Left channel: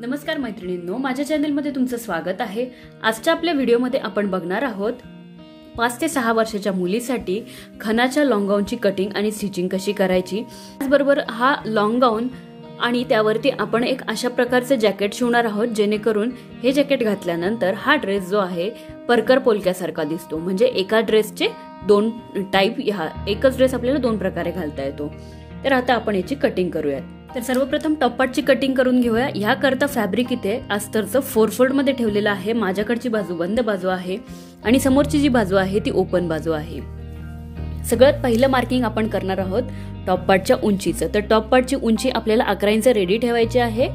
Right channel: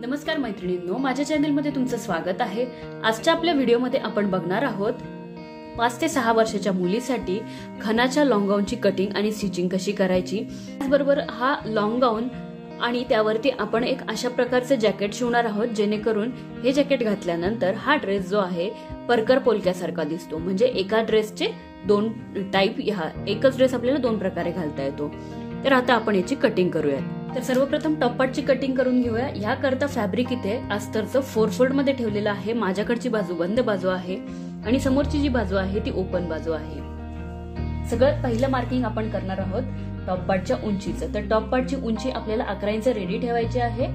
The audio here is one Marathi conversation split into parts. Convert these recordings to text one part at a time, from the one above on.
नमस्कार मैत्रिणींनो, माझ्या चॅनलमध्ये तुमचं स्वागत आहे। आजच्या आपल्या व्हिडिओमध्ये आपण बघणार आहोत 5 ते 6 वर्षाच्या मुलीसाठी खणाच्या लॉंग गाऊनची कटिंग आणि स्टिचिंग कशी करायची। त्याचबरोबर हा लॉंग गाऊन आणि त्यावरती आपण एक अशा प्रकारचं जॅकेट शिवणार आहोत जेणेकरून हे जॅकेट घातल्यानंतर हा ड्रेस जो आहे परकर पोलक्यासारखा दिसतो। म्हणजे एका ड्रेसचे दोन टाइप, हा एकच ड्रेस आपल्याला दोन प्रकारे घालता येतो। तर आता आपण याची कटिंग करूयात। तर सर्वप्रथम टॉप पार्टची कटिंग करून घेऊया। याकरता फॅब्रिक इथे अस्तरचं 4 फोल्ड मध्ये ठेवलेलं आहे। माझ्याकडची बाजू बंद बाजू आहे आणि समोरची जी बाजू आहे ती ओपन बाजू आहे। सगळ्यात पहिलं मार्किंग आपण करणार आहोत टॉप पार्टच्या उंचीचं। तर टॉप पार्टची उंची आपल्याला 11 इंच रेडी ठेवायची आहे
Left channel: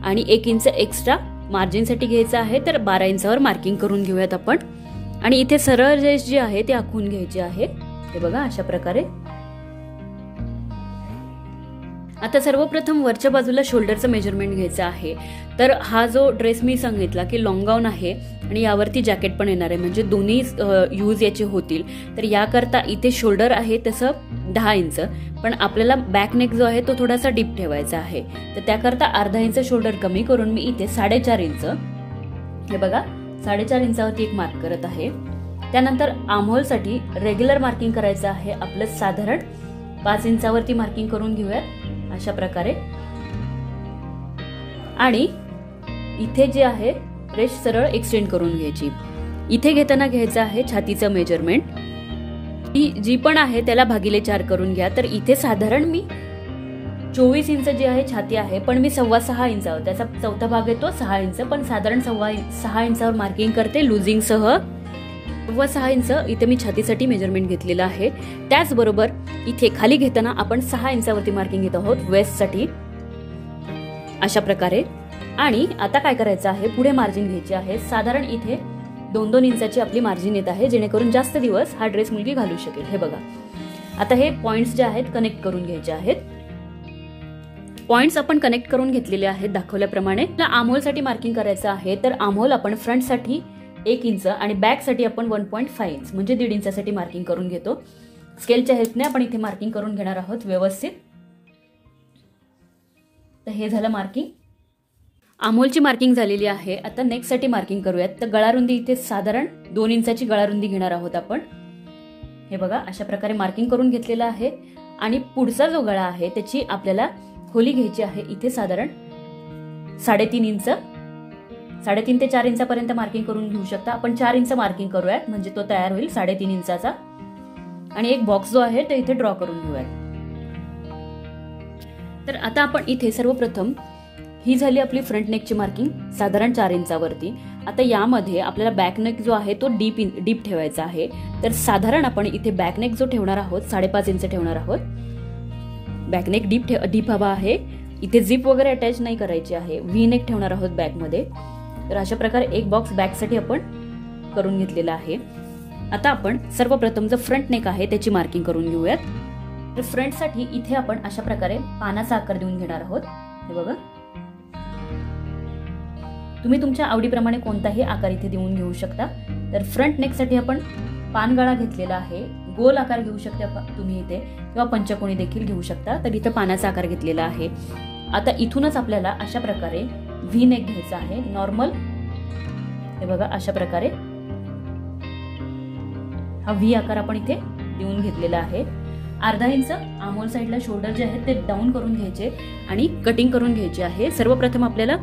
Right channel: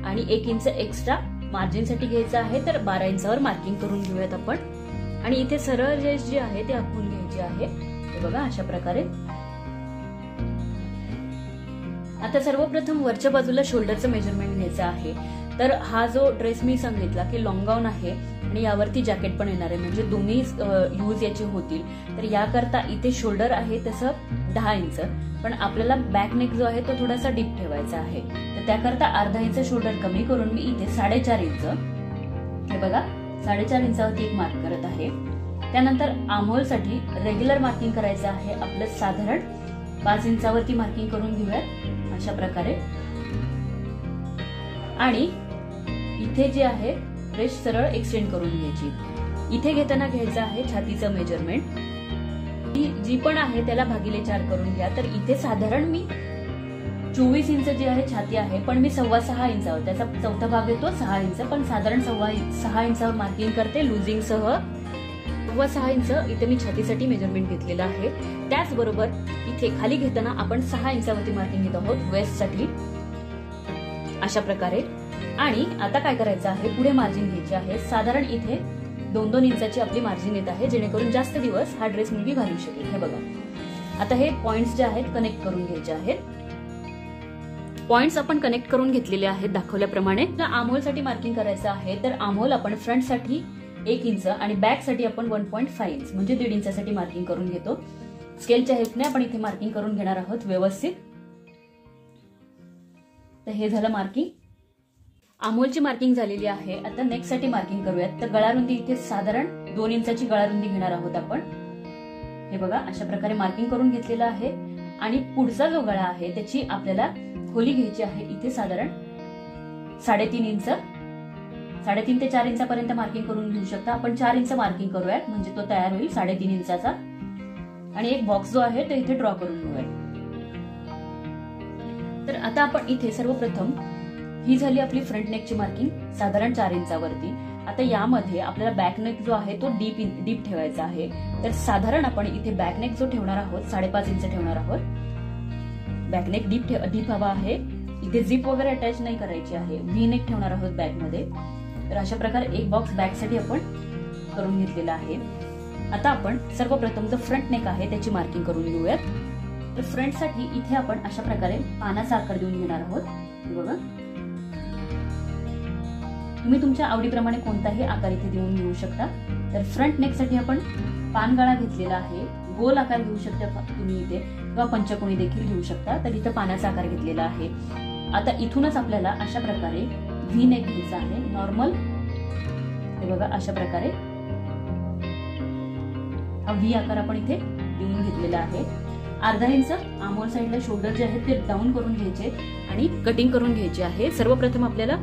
आणि 1 इंच एक्स्ट्रा मार्जिन साठी घ्यायचं आहे। तर 12 इंचावर मार्किंग करून घेऊयात आपण। आणि इथे सरळ रेष जी आहे ती आखून घ्यायची आहे। हे बघा अशा प्रकारे। आता सर्वप्रथम वरच्या बाजूला शोल्डरचं मेजरमेंट घ्यायचं आहे। तर हा जो ड्रेस मी सांगितला की लॉंग गाऊन आहे आणि यावरती जॅकेट पण येणार आहे, म्हणजे दोन्ही यूज याचे होतील। तर याकरता इथे शोल्डर आहे तसं 10 इंच, पण आपल्याला बॅक नेक जो आहे तो थोडासा डीप ठेवायचा आहे। तर त्याकरता अर्धा इंच शोल्डर कमी करून मी इथे 4.5 इंच, हे बघा 4.5 इंचावरती एक मार्क करत आहे। त्यानंतर आर्महोल साठी रेग्युलर मार्किंग करायचं आहे आपलं साधारण 5 इंचावरती मार्किंग करून घेऊया अशा प्रकारे। आणि इथे जे आहे रेष सरळ एक्सटेंड करून घ्यायची। इथे घेताना घ्यायचं आहे छातीचं मेजरमेंट, जी पण आहे त्याला भागिले 4 करून घ्या। तर इथे साधारण मी 24 इंच जी आहे छाती आहे, पण मी 6.25 इंचावर, त्याचा चौथा भाग येतो 6 इंच, पण साधारण 6.25 इंचावर मार्किंग करते लुजिंग सह। 6.25 इंच इथे मी छातीसाठी मेजरमेंट घेतलेलं आहे। त्याचबरोबर इथे खाली घेताना आपण 6 इंचावरती मार्किंग घेत आहोत वेस्ट साठी अशा प्रकारे। आणि आता काय करायचं आहे, पुढे मार्जिन घ्यायची आहे। साधारण इथे 2-2 इंचाची आपली मार्जिन येत आहे, जेणेकरून जास्त दिवस हा ड्रेस मुलगी घालू शकेल। हे बघा आता हे पॉइंट्स जे आहेत कनेक्ट करून घ्यायचे आहेत। पॉइंट्स आपण कनेक्ट करून घेतलेले आहेत दाखवल्याप्रमाणे। आर्महोल साठी मार्किंग करायचं आहे। तर आर्महोल आपण फ्रंट साठी 1 इंच आणि बॅक साठी आपण 1.5 इंच म्हणजे 1.5 इंचासाठी मार्किंग करून घेतो। स्केलच्या हेल्पने आपण इथे मार्किंग करून घेणार आहोत व्यवस्थित। तर हे झालं मार्किंग, आर्महोलची मार्किंग झालेली आहे। आता नेक साठी मार्किंग करूयात। तर गळारुंदी इथे साधारण 2 इंचाची गळारुंदी घेणार आहोत आपण। हे बघा अशा प्रकारे मार्किंग करून घेतलेलं आहे। आणि पुढचा जो गळा आहे त्याची आपल्याला खोली घ्यायची आहे। इथे साधारण 3.5 इंच, 3.5 ते 4 इंचापर्यंत मार्किंग करून घेऊ शकता। आपण 4 इंच मार्किंग करूयात म्हणजे तो तयार होईल 3.5 इंचाचा। आणि एक बॉक्स जो आहे तो इथे ड्रॉ करून घेऊयात। तर आता आपण इथे सर्वप्रथम ही झाली आपली फ्रंट नेकची मार्किंग साधारण 4 इंचावरती। आता यामध्ये आपल्याला बॅक नेक जो आहे तो डीप ठेवायचा आहे। तर साधारण आपण इथे बॅक नेक जो ठेवणार आहोत 5.5 इंच ठेवणार आहोत। बॅक नेक डीप हवा आहे। इथे झिप वगैरे अटॅच नाही करायची आहे, व्ही नेक ठेवणार आहोत बॅक मध्ये। तर अशा प्रकारे एक बॉक्स बॅक साठी आपण करून घेतलेला आहे। आता आपण सर्वप्रथम जो फ्रंट नेक आहे त्याची मार्किंग करून घेऊयात। तर फ्रंट साठी इथे आपण अशा प्रकारे पानाचा आकार देऊन घेणार आहोत। हे बघा तुम्ही तुमच्या आवडीप्रमाणे कोणताही आकार इथे देऊन घेऊ शकता। तर फ्रंट नेक साठी आपण पानगळा घेतलेला आहे, गोल आकार घेऊ शकता तुम्ही इथे किंवा पंचकोनी देखील घेऊ शकता। तर इथे पानाचा आकार घेतलेला आहे। आता इथूनच आपल्याला अशा प्रकारे व्ही नेक घ्यायचा आहे नॉर्मल। हे बघा अशा प्रकारे हा व्ही आकार आपण इथे देऊन घेतलेला आहे। अर्धा इंच आर्महोल साइडला शोल्डर जे आहेत ते डाऊन करून घ्यायचे आणि कटिंग करून घ्यायची आहे। सर्वप्रथम आपल्याला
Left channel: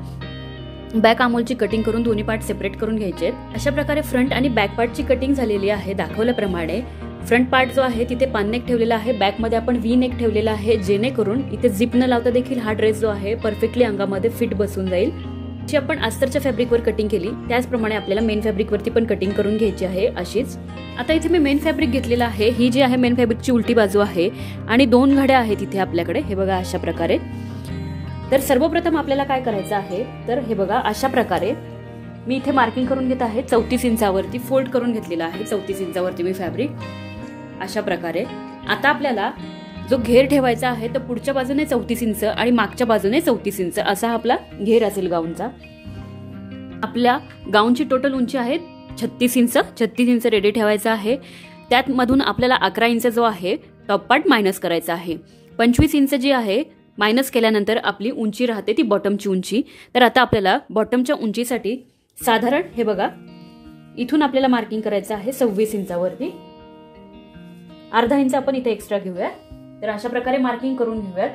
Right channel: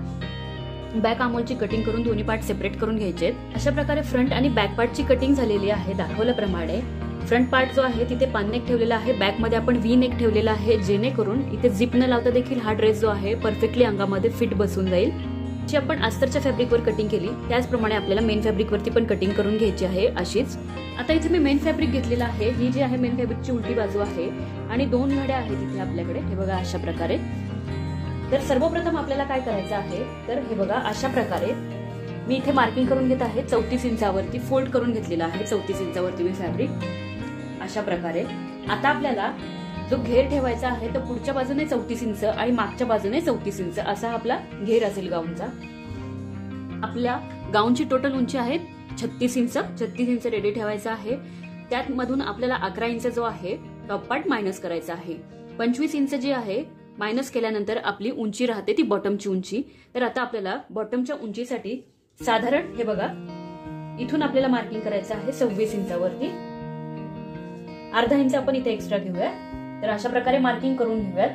बॅक आर्महोलची कटिंग करून दोन्ही पार्ट सेपरेट करून घ्यायचे। अशा प्रकारे फ्रंट आणि बॅक पार्टची कटिंग झालेली आहे दाखवल्याप्रमाणे। फ्रंट पार्ट जो आहे तिथे पान नेक ठेवलेला आहे, बॅक मध्ये आपण व्ही नेक ठेवलेला आहे, जेणेकरून इथे झिप न लावता देखील हा ड्रेस जो आहे परफेक्टली अंगामध्ये फिट बसून जाईल। जी आपण अस्तरच्या फॅब्रिकवर कटिंग केली त्याचप्रमाणे आपल्याला मेन फॅब्रिकवरती पण कटिंग करून घ्यायची आहे अशीच। आता इथे मी मेन फॅब्रिक घेतलेला आहे। ही जी आहे मेन फॅब्रिकची उलटी बाजू आहे आणि 2 घड्या आहेत इथे आपल्याकडे। हे बघा अशा प्रकारे। तर सर्वप्रथम आपल्याला काय करायचं आहे, तर हे बघा अशा प्रकारे मी इथे मार्किंग करून घेत आहे 34 इंचावरती फोल्ड करून घेतलेला आहे। 34 इंचावरती मी फॅब्रिक अशा प्रकारे। आता आपल्याला जो घेर ठेवायचा आहे तर पुढच्या बाजूने 34 इंच आणि मागच्या बाजूने 34 इंच असा आपला घेर असेल गाऊनचा। आपल्या गाऊनची टोटल उंची आहे 36 इंच। 36 इंच रेडी ठेवायचा आहे। त्यात मधून आपल्याला 11 इंच जो आहे टॉप पार्ट मायनस करायचा आहे। 25 इंच जी आहे मायनस केल्यानंतर आपली उंची राहते ती बॉटमची उंची. तर आता आपल्याला बॉटमच्या उंचीसाठी साधारण हे बघा इथून आपल्याला मार्किंग करायचं आहे 26 इंचावरती. अर्धा इंच आपण इथे एक्स्ट्रा घेऊया. तर अशा प्रकारे मार्किंग करून घेऊयात.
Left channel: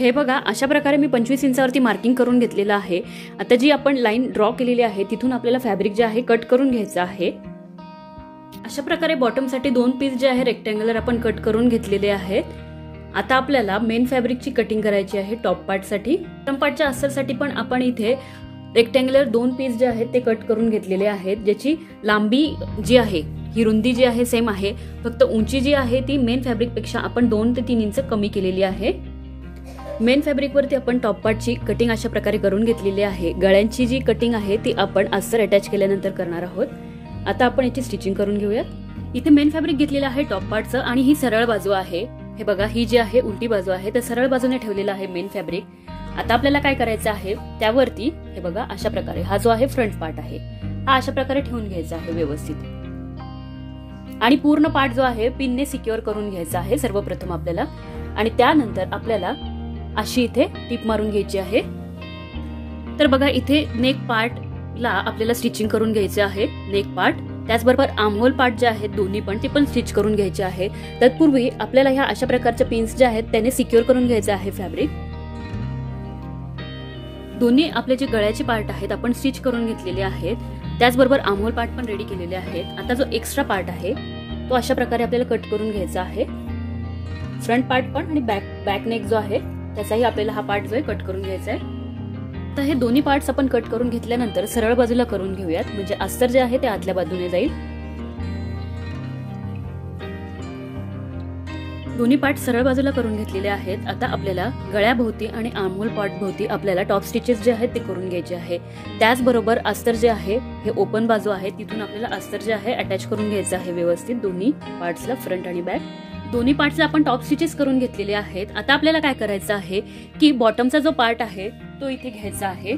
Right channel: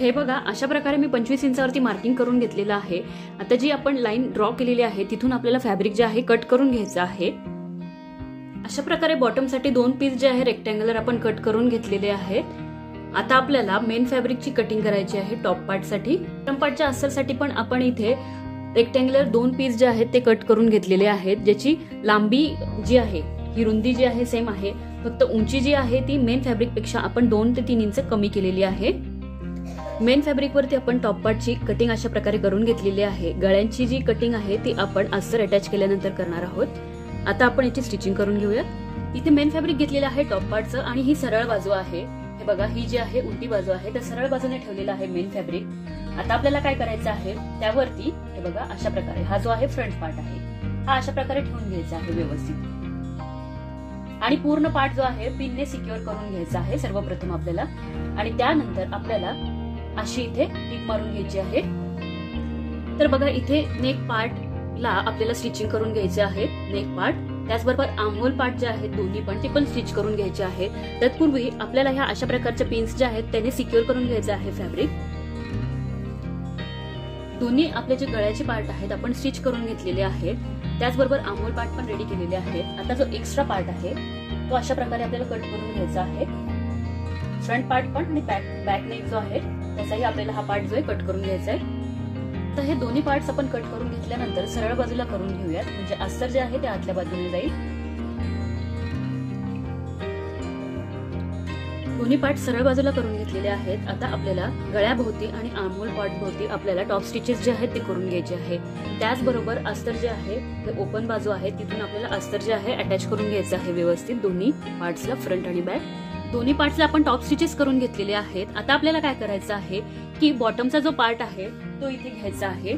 हे बघा अशा प्रकारे मी 25 इंचावरती मार्किंग करून घेतलेलं आहे. आता जी आपण लाईन ड्रॉ केलेली आहे तिथून आपल्याला फॅब्रिक जे आहे कट करून घ्यायचं आहे. अशा प्रकारे बॉटमसाठी 2 पीस जे आहे रेक्टँग्युलर आपण कट करून घेतलेले आहेत. आता आपल्याला मेन फॅब्रिकची कटिंग करायची आहे टॉप पार्टसाठी. बॉटम पार्टच्या अस्तरसाठी पण आपण इथे रेक्टँग्युलर 2 पीस जे आहेत ते कट करून घेतलेले आहेत, ज्याची लांबी जी आहे ही रुंदी जी आहे सेम आहे, फक्त उंची जी आहे ती मेन फॅब्रिक पेक्षा आपण 2 ते 3 इंच कमी केलेली आहे. मेन फॅब्रिक वरती आपण टॉप पार्टची कटिंग अशा प्रकारे करून घेतलेली आहे. गळ्यांची जी कटिंग आहे ती आपण अस्तर अटॅच केल्यानंतर करणार आहोत. आता आपण याची स्टिचिंग करून घेऊया. इथे मेन फॅब्रिक घेतलेलं आहे टॉप पार्टचं आणि ही सरळ बाजू आहे. हे बघा ही जी आहे उलटी बाजू आहे, तर सरळ बाजूने ठेवलेलं आहे मेन फॅब्रिक. आता आपल्याला काय करायचं आहे त्यावरती हे बघा अशा प्रकारे हा जो आहे फ्रंट पार्ट आहे हा अशा प्रकारे ठेवून घ्यायचा आहे व्यवस्थित. आणि पूर्ण पार्ट जो आहे पिनने सिक्युअर करून घ्यायचा आहे सर्वप्रथम आपल्याला. आणि त्यानंतर आपल्याला अशी इथे टीप मारून घ्यायची आहे. तर बघा इथे नेक पार्टला आपल्याला स्टिचिंग करून घ्यायचे आहे. नेक पार्ट त्याचबरोबर आर्महोल पार्ट जे आहेत दोन्ही पण ते पण स्टिच करून घ्यायचे आहेत. तत्पूर्वी आपल्याला ह्या अशा प्रकारच्या पिन्स जे आहेत त्याने सिक्युअर करून घ्यायचे आहे फॅब्रिक. दोन्ही आपले जे गळ्याचे पार्ट आहेत आपण स्टिच करून घेतलेले आहेत. त्याचबरोबर आर्महोल पार्ट पण रेडी केलेले आहेत. आता जो एक्स्ट्रा पार्ट आहे तो अशा प्रकारे आपल्याला कट करून घ्यायचा आहे. फ्रंट पार्ट पण आणि बॅक नेक जो आहे त्याचाही आपल्याला हा पार्ट जो आहे कट करून घ्यायचा आहे. तर हे दोन्ही पार्ट्स आपण कट करून घेतल्यानंतर सरळ बाजूला करून घेऊयात, म्हणजे अस्तर जे आहे ते आतल्या बाजूने जाईल. दोन्ही पार्ट सरळ बाजूला करून घेतलेले आहेत. आता आपल्याला गळ्याभोवती आणि आर्महोल पार्ट भोवती आपल्याला टॉप स्टिचेस जे आहेत ते करून घ्यायचे आहे. त्याचबरोबर अस्तर जे आहे हे ओपन बाजू आहे तिथून आपल्याला अस्तर जे आहे अटॅच करून घ्यायचं आहे व्यवस्थित दोन्ही पार्ट्सला, फ्रंट आणि बॅक. दोन्ही पार्टचे आपण टॉप स्टिचेस करून घेतलेले आहेत. आता आपल्याला काय करायचं आहे की बॉटमचा जो पार्ट आहे तो इथे घ्यायचा आहे.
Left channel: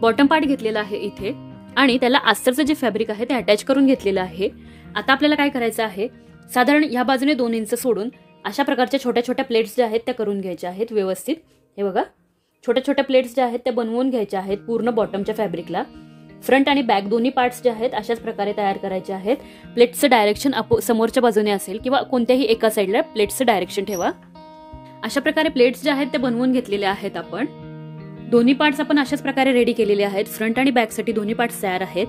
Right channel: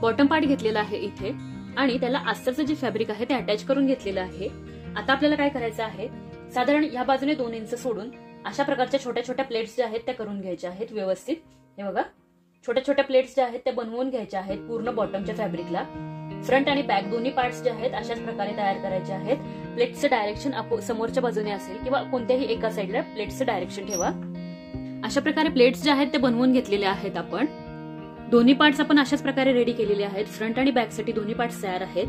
बॉटम पार्ट घेतलेला आहे इथे आणि त्याला अस्तरचं जे फॅब्रिक आहे ते अटॅच करून घेतलेलं आहे. आता आपल्याला काय करायचं आहे साधारण या बाजूने 2 इंच सोडून अशा प्रकारच्या छोट्या छोट्या प्लेट्स ज्या आहेत त्या करून घ्यायच्या आहेत व्यवस्थित. हे बघा छोट्या छोट्या प्लेट्स ज्या आहेत त्या बनवून घ्यायच्या आहेत पूर्ण बॉटमच्या फॅब्रिकला. फ्रंट आणि बॅक दोन्ही पार्ट्स जे आहेत अशाच प्रकारे तयार करायचे आहेत. प्लेट्सचं डायरेक्शन समोरच्या बाजूने असेल किंवा कोणत्याही एका साईडला प्लेट्सचं डायरेक्शन ठेवा. अशा प्रकारे प्लेट्स ज्या आहेत ते बनवून घेतलेले आहेत आपण. दोन्ही पार्ट्स आपण अशाच प्रकारे रेडी केलेले आहेत. फ्रंट आणि बॅक साठी दोन्ही पार्ट्स तयार आहेत.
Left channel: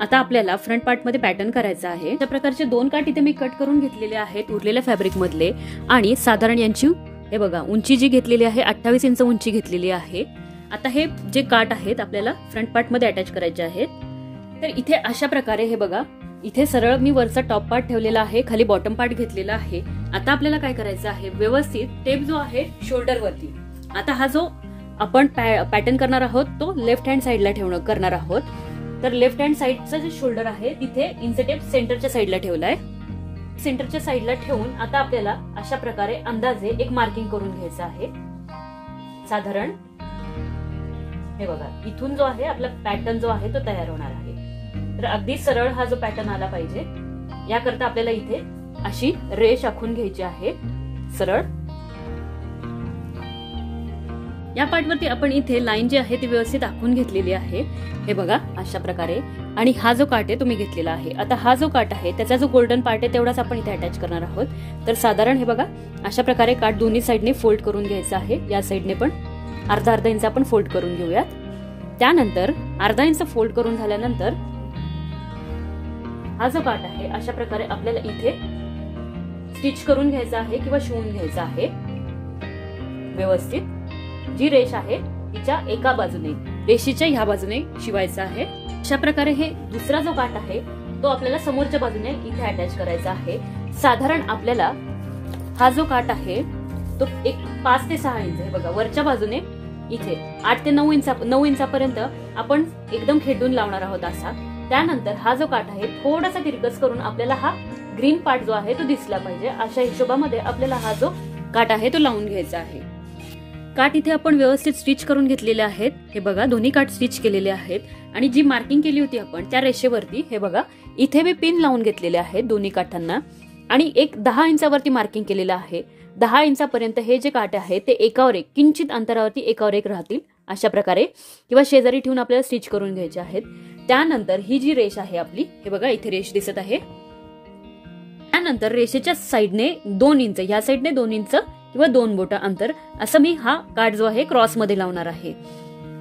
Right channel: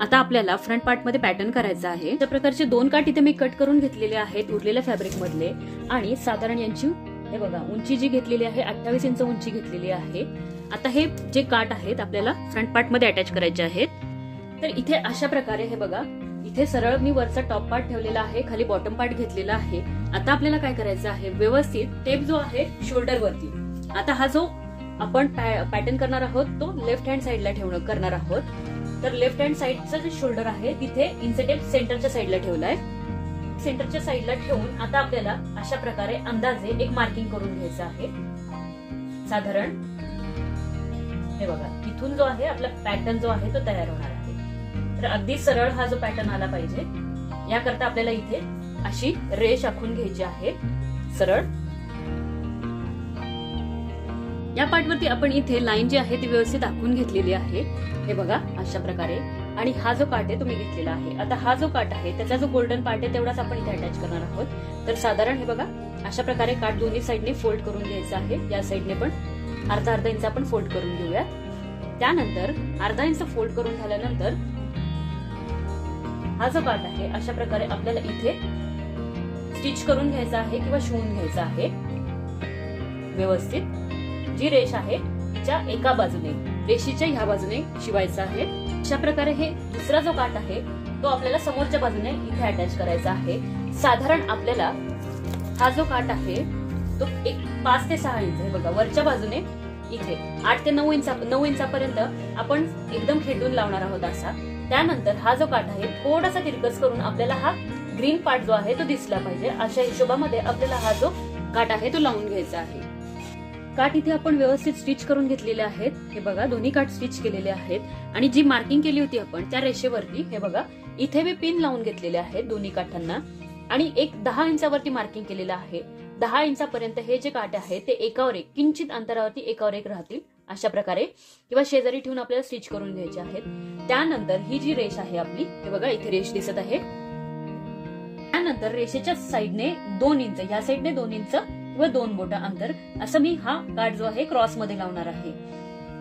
आता आपल्याला फ्रंट पार्ट मध्ये पॅटर्न करायचा आहे. अशा प्रकारचे 2 काठ इथे मी कट करून घेतलेले आहेत उरलेल्या फॅब्रिक मधले. आणि साधारण यांची हे बघा उंची जी घेतलेली आहे 28 इंच उंची घेतलेली आहे. आता हे जे काठ आहेत आपल्याला फ्रंट पार्ट मध्ये अटॅच करायचे आहेत. तर इथे अशा प्रकारे हे बघा इथे सरळ मी वरचा टॉप पार्ट ठेवलेला आहे, खाली बॉटम पार्ट घेतलेला आहे. आता आपल्याला काय करायचं आहे व्यवस्थित टेप जो आहे शोल्डर वरती. आता हा जो आपण पॅटर्न करणार आहोत तो लेफ्ट हँड साईडला करणार आहोत. तर लेफ्ट हँड साईडचा जे शोल्डर आहे तिथे इंच टेप सेंटरच्या साईडला ठेवलाय. सेंटरच्या साईडला ठेवून आता आपल्याला अशा प्रकारे अंदाजे एक मार्किंग करून घ्यायचं आहे. साधारण हे बघा इथून जो आहे आपला पॅटर्न जो आहे तो तयार होणार आहे. तर अगदी सरळ हा जो पॅटर्न आला पाहिजे याकरता आपल्याला इथे अशी रेष आखून घ्यायची आहे सरळ. या पार्टवरती आपण इथे लाईन जी आहे ती व्यवस्थित आखून घेतलेली आहे. हे बघा अशा प्रकारे. आणि हा जो काठ आहे तो मी घेतलेला आहे. आता हा जो काठ आहे त्याचा जो गोल्डन पार्ट आहे तेवढाच आपण इथे अटॅच करणार आहोत. तर साधारण हे बघा अशा प्रकारे काठ दोन्ही साईडने फोल्ड करून घ्यायचा आहे. या साईडने पण अर्धा इंच आपण फोल्ड करून घेऊयात. त्यानंतर अर्धा इंच फोल्ड करून झाल्यानंतर हा जो काठ आहे अशा प्रकारे आपल्याला इथे स्टिच करून घ्यायचा आहे किंवा शिवून घ्यायचा आहे व्यवस्थित. जी रेष आहे तिच्या एका बाजूने रेषेच्या ह्या बाजूने शिवायचा आहे. अशा प्रकारे हे दुसरा जो काठ आहे तो आपल्याला समोरच्या बाजूने इथे अटॅच करायचा आहे. साधारण आपल्याला हा जो काठ आहे तो एक 5 ते 6 इंच आहे बघा वरच्या बाजूने इथे 8 ते 9 इंचापर्यंत आपण एकदम खेटून लावणार आहोत असा. त्यानंतर हा जो काठ आहे थोडासा तिरकस करून आपल्याला हा ग्रीन पार्ट जो आहे तो दिसला पाहिजे अशा हिशोबामध्ये आपल्याला हा जो काठ आहे तो लावून घ्यायचा आहे. काठ इथे आपण व्यवस्थित स्टिच करून घेतलेले आहेत. हे बघा दोन्ही काठ स्टिच केलेले आहेत. आणि जी मार्किंग केली होती आपण त्या रेषेवरती हे बघा इथे मी पिन लावून घेतलेले आहेत दोन्ही काठांना. आणि एक 10 इंचावरती मार्किंग केलेलं आहे. 10 इंचापर्यंत हे जे काठ आहे ते एकावर एक किंचित अंतरावरती एकावर एक राहतील अशा प्रकारे, किंवा शेजारी ठेवून आपल्याला स्टिच करून घ्यायचे आहेत. त्यानंतर ही जी रेष आहे आपली, हे बघा इथे रेष दिसत आहे. त्यानंतर रेषेच्या साईडने 2 इंच, या साईडने 2 इंच किंवा 2 बोट अंतर असं मी हा काठ जो आहे क्रॉस मध्ये लावणार आहे.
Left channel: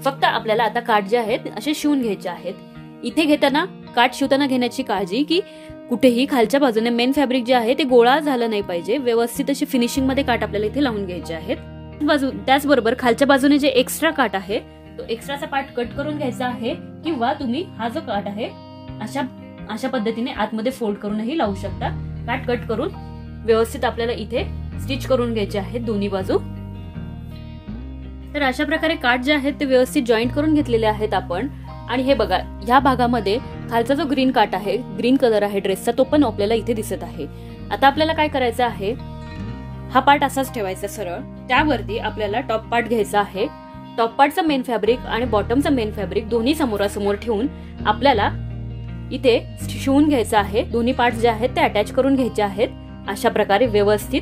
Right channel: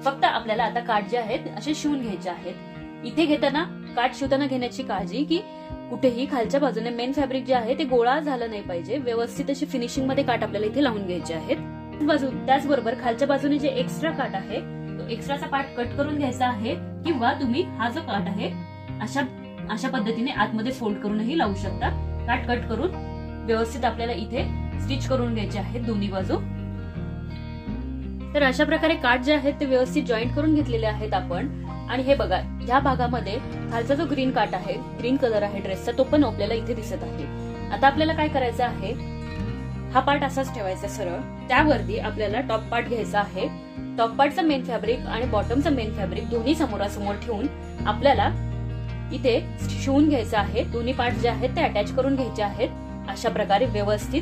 फक्त आपल्याला आता काठ जे आहेत असे शिवून घ्यायचे आहेत. इथे घेताना काठ शिवताना घेण्याची काळजी की कुठेही खालच्या बाजूने मेन फॅब्रिक जे आहे ते गोळा झालं नाही पाहिजे. व्यवस्थित अशी फिनिशिंग मध्ये काठ आपल्याला इथे लावून घ्यायचे आहेत. त्याचबरोबर खालच्या बाजूने जे एक्स्ट्रा काठ आहे तो एक्स्ट्राचा पार्ट कट करून घ्यायचा आहे, किंवा तुम्ही हा जो काठ आहे अशा पद्धतीने आतमध्ये फोल्ड करूनही लावू शकता. काठ कट करून व्यवस्थित आपल्याला इथे स्टिच करून घ्यायचे आहेत दोन्ही बाजू. तर अशा प्रकारे काठ जे आहेत ते व्यवस्थित जॉईंट करून घेतलेले आहेत आपण. आणि हे बघा, ह्या भागामध्ये खालचा जो ग्रीन काठ आहे, ग्रीन कलर आहे ड्रेसचा, तो पण आपल्याला इथे दिसत आहे. आता आपल्याला काय करायचं आहे, हा पार्ट असाच ठेवायचा सरळ. त्यावरती आपल्याला टॉप पार्ट घ्यायचा आहे. टॉप पार्टचा मेन फॅब्रिक आणि बॉटमचा मेन फॅब्रिक दोन्ही समोरासमोर ठेवून आपल्याला इथे शिवून घ्यायचं आहे. दोन्ही पार्ट जे आहेत ते अटॅच करून घ्यायचे आहेत अशा प्रकारे व्यवस्थित.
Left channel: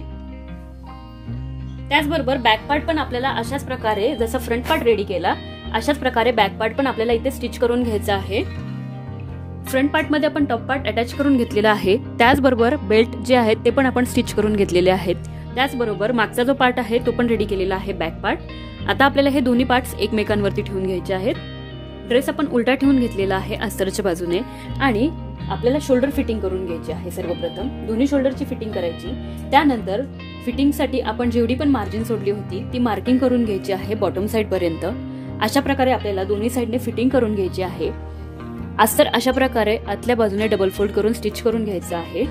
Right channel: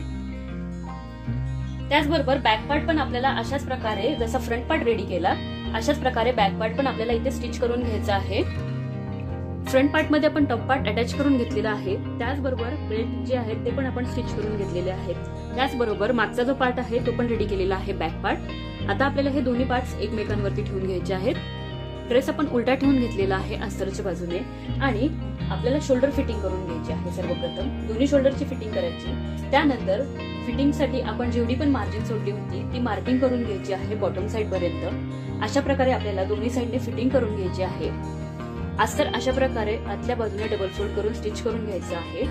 त्याचबरोबर बॅक पार्ट पण आपल्याला अशाच प्रकारे, जसं फ्रंट पार्ट रेडी केला अशाच प्रकारे बॅक पार्ट पण आपल्याला इथे स्टिच करून घ्यायचा आहे. फ्रंट पार्ट मध्ये आपण टॉप पार्ट अटॅच करून घेतलेला आहे. त्याचबरोबर बेल्ट जे आहेत ते पण आपण स्टिच करून घेतलेले आहेत. त्याचबरोबर मागचा जो पार्ट आहे तो पण रेडी केलेला आहे बॅक पार्ट. आता आपल्याला हे दोन्ही पार्ट्स एकमेकांवरती ठेवून घ्यायचे आहेत. ड्रेस आपण उलटा ठेवून घेतलेला आहे अस्तरच्या बाजूने, आणि आपल्याला शोल्डर फिटिंग करून घ्यायची आहे. सर्वप्रथम दोन्ही शोल्डरची फिटिंग करायची. त्यानंतर फिटिंगसाठी आपण जेवढी पण मार्जिन सोडली होती ती मार्किंग करून घ्यायची आहे बॉटम साइड पर्यंत. अशा प्रकारे आपल्याला दोन्ही साइडने फिटिंग करून घ्यायची आहे. अस्तर अशा प्रकारे आतल्या बाजूने डबल फोल्ड करून स्टिच करून घ्यायचं आहे.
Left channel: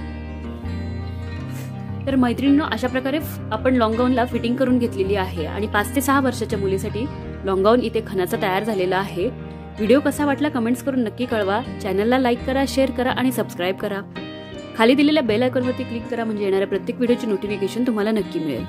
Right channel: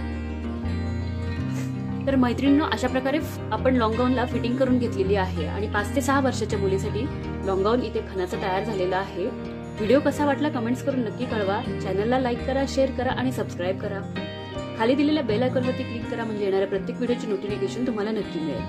तर मैत्रिणींनो, अशा प्रकारे आपण लॉंग गाऊनला फिटिंग करून घेतलेली आहे. आणि 5 ते 6 वर्षाच्या मुलीसाठी लॉंग गाऊन इथे खणाचा तयार झालेला आहे. व्हिडिओ कसा वाटला कमेंट्स करून नक्की कळवा. चॅनलला लाईक करा, शेअर करा आणि सबस्क्राईब करा. खाली दिलेल्या बेल आयकॉनवरती क्लिक करा, म्हणजे येणाऱ्या प्रत्येक व्हिडिओची नोटिफिकेशन तुम्हाला नक्की मिळेल.